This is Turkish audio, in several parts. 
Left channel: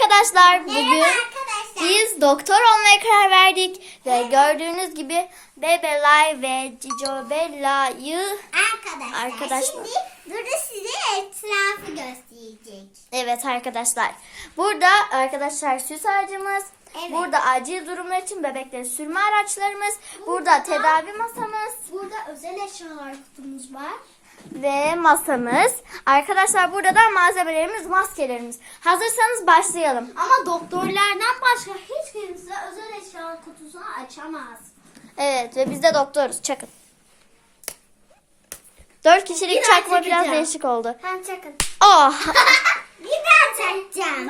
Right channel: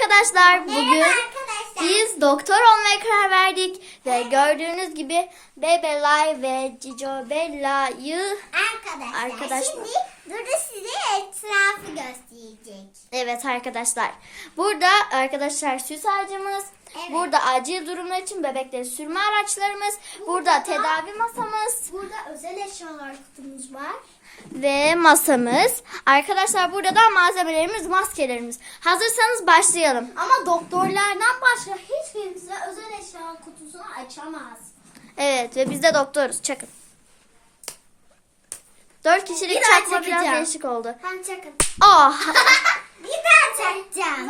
arkadaşlar. Bugün Merhaba arkadaşlar. biz doktor olmaya karar verdik. Ve gördüğünüz gibi Bebelay ve Cico Bella'yı Arkadaşlar, Arkadaşlar. şimdi burada size etrafı gösterecek. Evet arkadaşlar. Burada arkadaşlar süs ağacımız. Evet. Burada acil durumlar için bebekleri sürme araçlarımız. Burada tedavi masamız Burada özel eşyalar kutumuz var. Ve masamız. Arkadaşlar burada da malzemelerimiz, maskelerimiz. Hazırsanız başlayalım. Ama doktorlardan başka hiç kimse özel eşya kutusunu açamaz. Evet ve biz de doktoruz. Çakın. Dört kişilik Bir çakma biraz değişik oldu. Ben çakın. Oh! Bir daha çakacağım.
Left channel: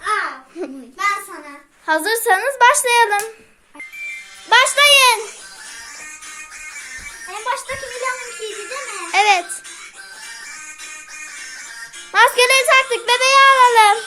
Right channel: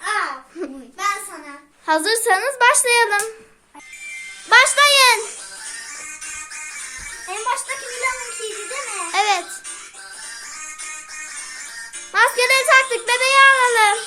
Aa, ben sana. Hazırsanız başlayalım. Başlayın. Baştaki Mila'nınkiydi değil mi? Evet. Maskeleri taktık. Bebeği alalım.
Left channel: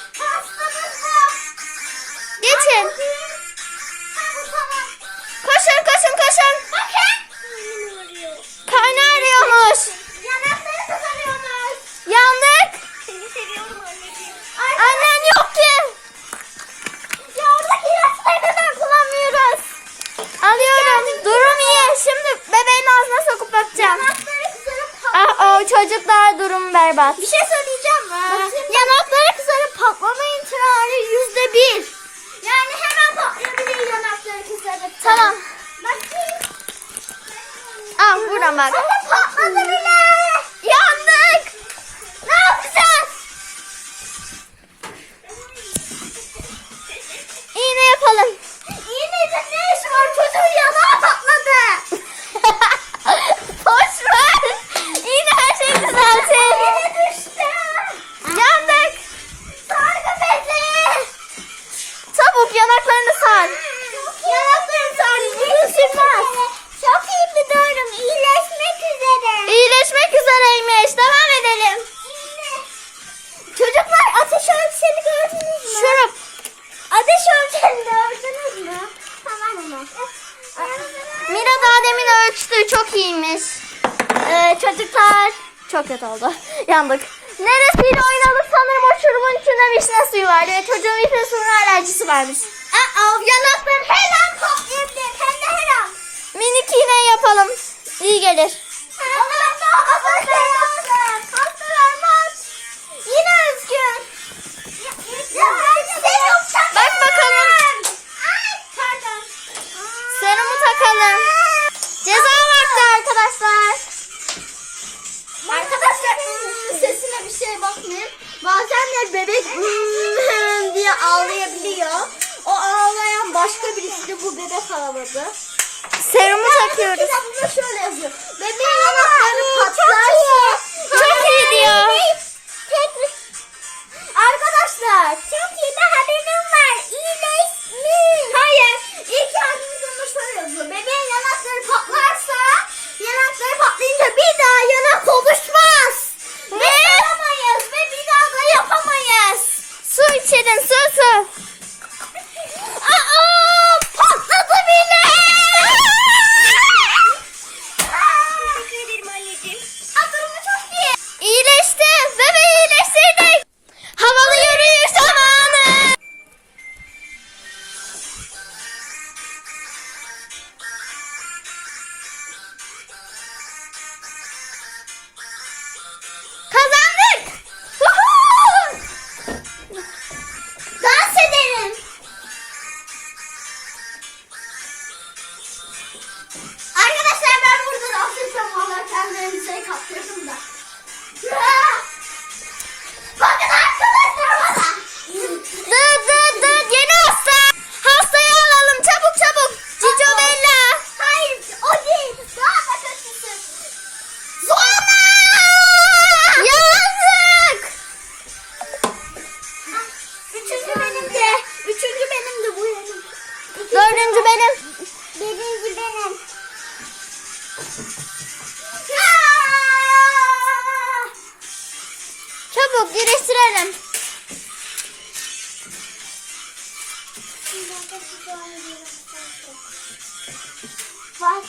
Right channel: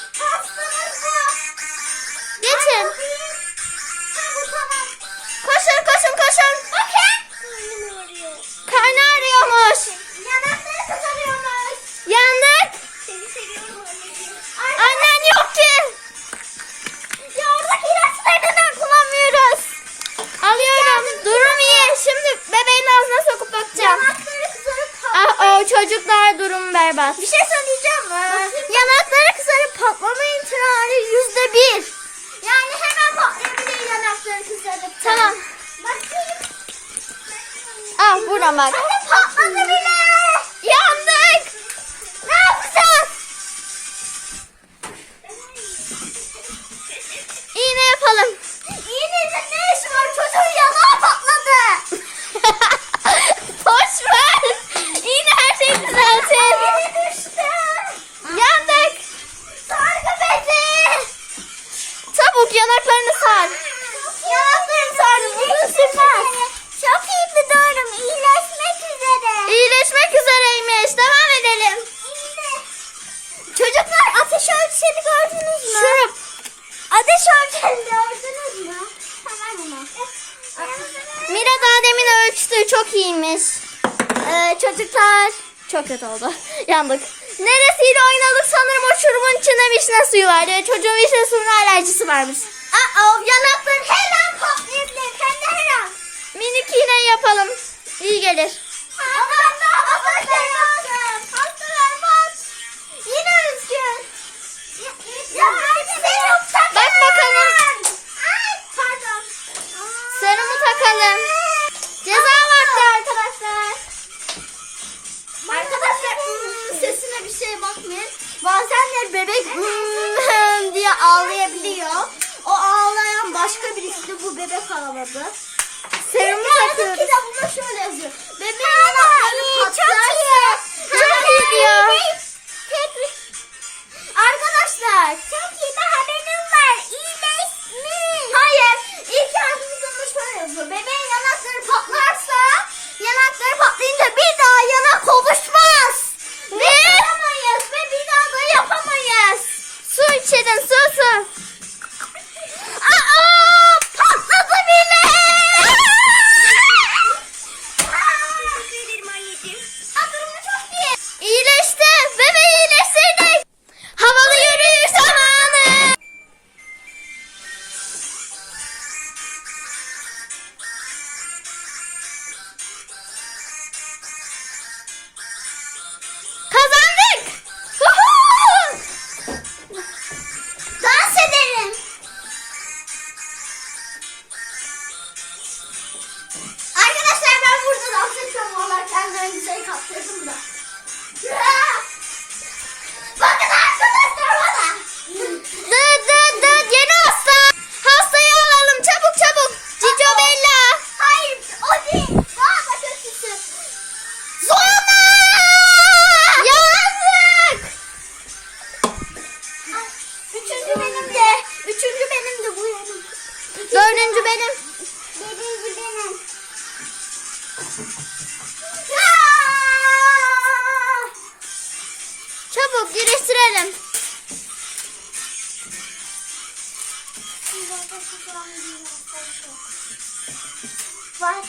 Berbat. Bir şey söyleyeceğim. Ee, Yanakları kızarıp patlama ihtimali yüzde bir. yani hemen patlayabilir yanakları kızarıp. Tamam. Bakayım. Al buradan bak. Hadi patladı bile. Yandık. Ne yapacağız? İğne yapalım. Yanaklarını sar. Yanakları sargı. Bugün sürmez. Çok iyi bir durum. İyileşmek üzere. İyileşmek üzereymiş. Devam edelim. Çocuklar ateş ölçeni gördünüz mü? Şurup. Ateş ölçeni gördünüz mü? Tamam onu. Mira daha demin ölçtü. Çok iyiymiş. Ee, çocuklar. Çok kötü oldu. Yandık. Neresiyle oynadık sanırım o şurubun içinde vişne suyu var. Ee, çocuğun vişne suyuna alerjisi varmış. Aa, yanakları her an patlayabilir. Hem de her an. Minik iğne yapalım. İyi gelir. Ağladı. Serumu takıyoruz. Burada şöyle yazıyor. Bebeğin yanakları patlarsa. Çok iyi diyor. Arkadaşlar çok iyi bir haberim var. İyileşmiş. Hayır. İlk yardımcımda şöyle yazıyor. Bebeğin yanakları patlarsa yanakları patlayınca bir daha yanak oluşmaz. Ve yapamayız ve bir daha da yapamayız. Su içedin su su. Üçüncü benim de. Üçüncü benim de bu. İkinci Dördüncü benim. Birinci benim. Çabuk iyileştirelim. Var.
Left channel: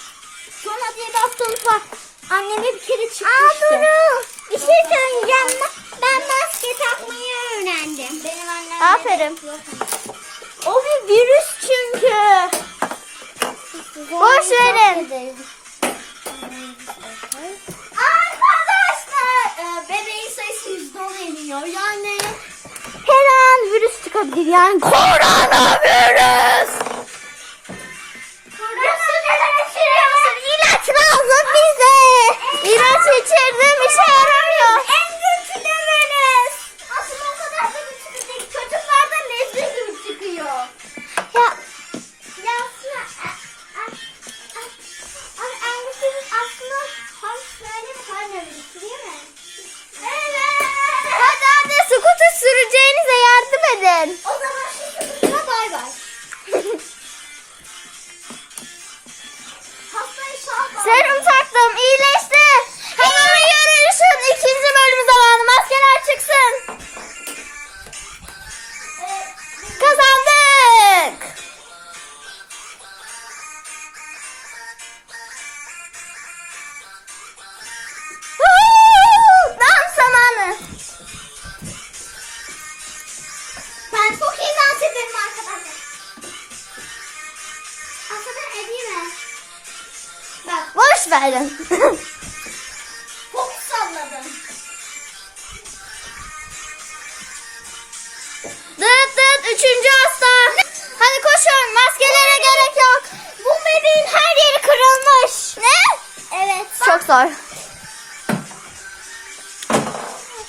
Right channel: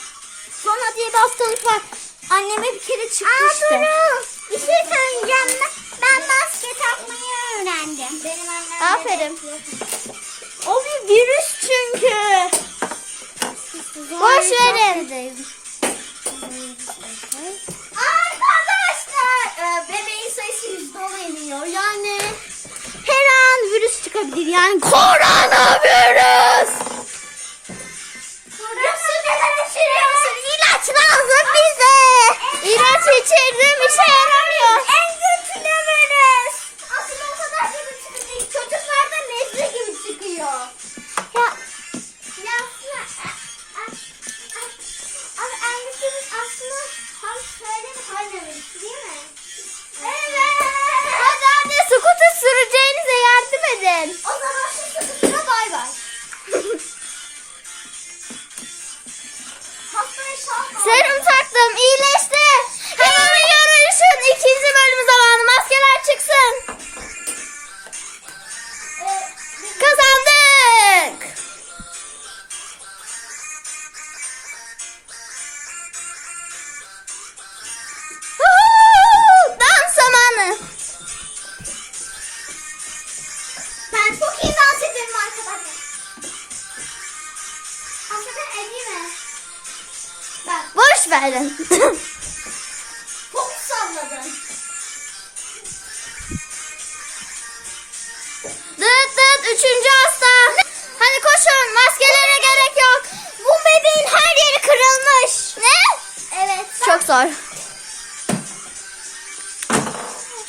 Sonra diye bir hastalık var. Anneme bir kere çıkmıştı. Aa, Duru. Bir şey söyleyeceğim. Ben maske çakmayı öğrendim. Benim annem. Aferin. O bir virüs çünkü. Boş verin. Arkadaşlar e, bebeğin sayısı yüzde on iniyor. Yani Her an virüs çıkabilir yani. Koronavirüs. Nasıl neler içiriyorsun? İlaç lazım bize. İlaç içirdim işe yaramıyor. Oh. Bak verin. çok salladım. dıt dıt üçüncü hasta. Hadi koşun maskelere gerek yok. Bu bebeğin her yeri kırılmış. Ne? Evet. Çok zor.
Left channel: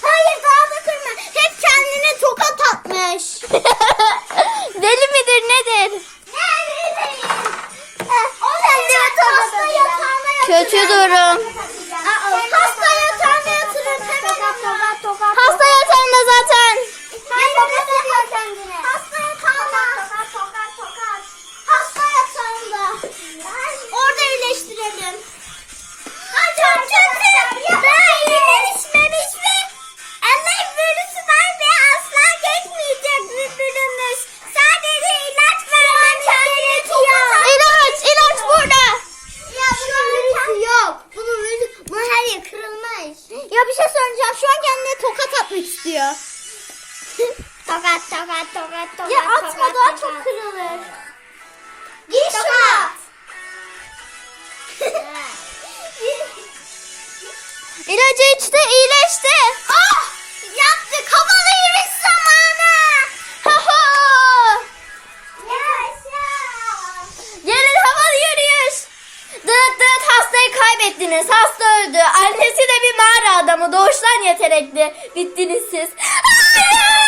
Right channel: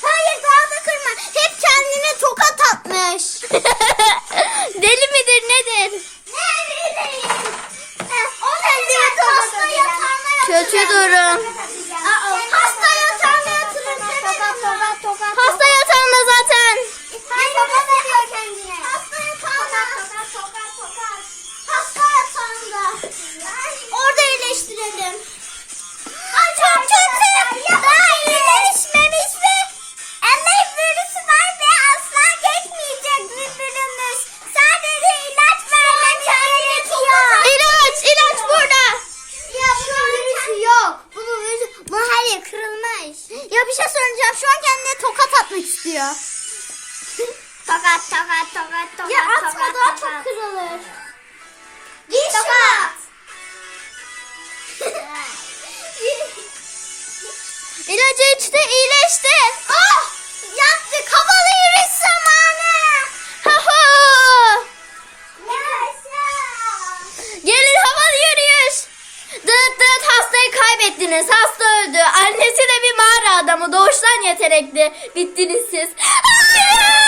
Hayır daha da kırma. Hep kendine tokat atmış. Deli midir nedir? Ne bileyim. O kendine hasta yatağına Kötü durum. Tokat, tokat, tokat, tokat. Ya atma daha çok kırılır. Giy şunu. İlacı içti, iyileşti. ah! Yaptık. Havalı yürüyüş zamanı. Hahu. Gelin havalı yürüyüş. Dıt dıt hastayı kaybettiniz. Hasta öldü. Annesi de bir mağara adamı. Doğuştan yetenekli. Bittiniz siz. Hayır.